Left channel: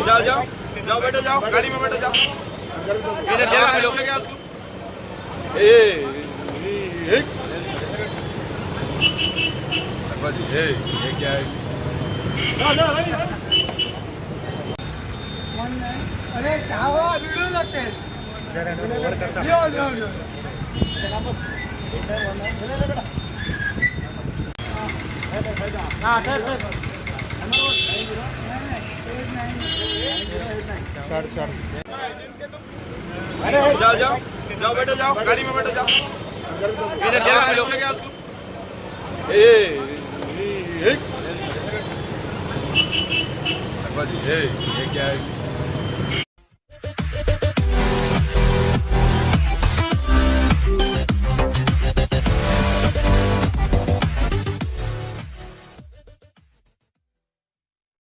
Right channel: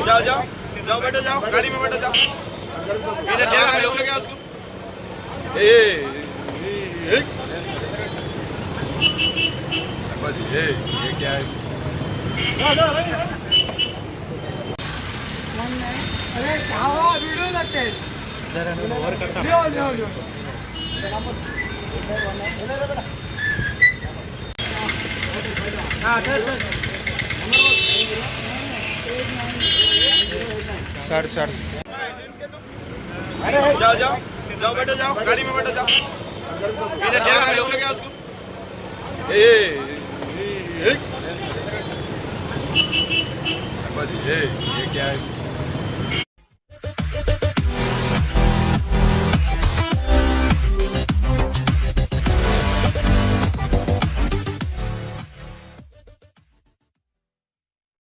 जाओ जाओ जाओ बेटे जाओ गाड़ी में बैठो जाओ इधर ले उसको ये क्या है अरे क्या हुआ वीडियो लगते हैं लियो लियो लियो जाओ जाओ जाओ बेटे जाओ गाड़ी में बैठो जाओ इधर ले उसको ये क्या है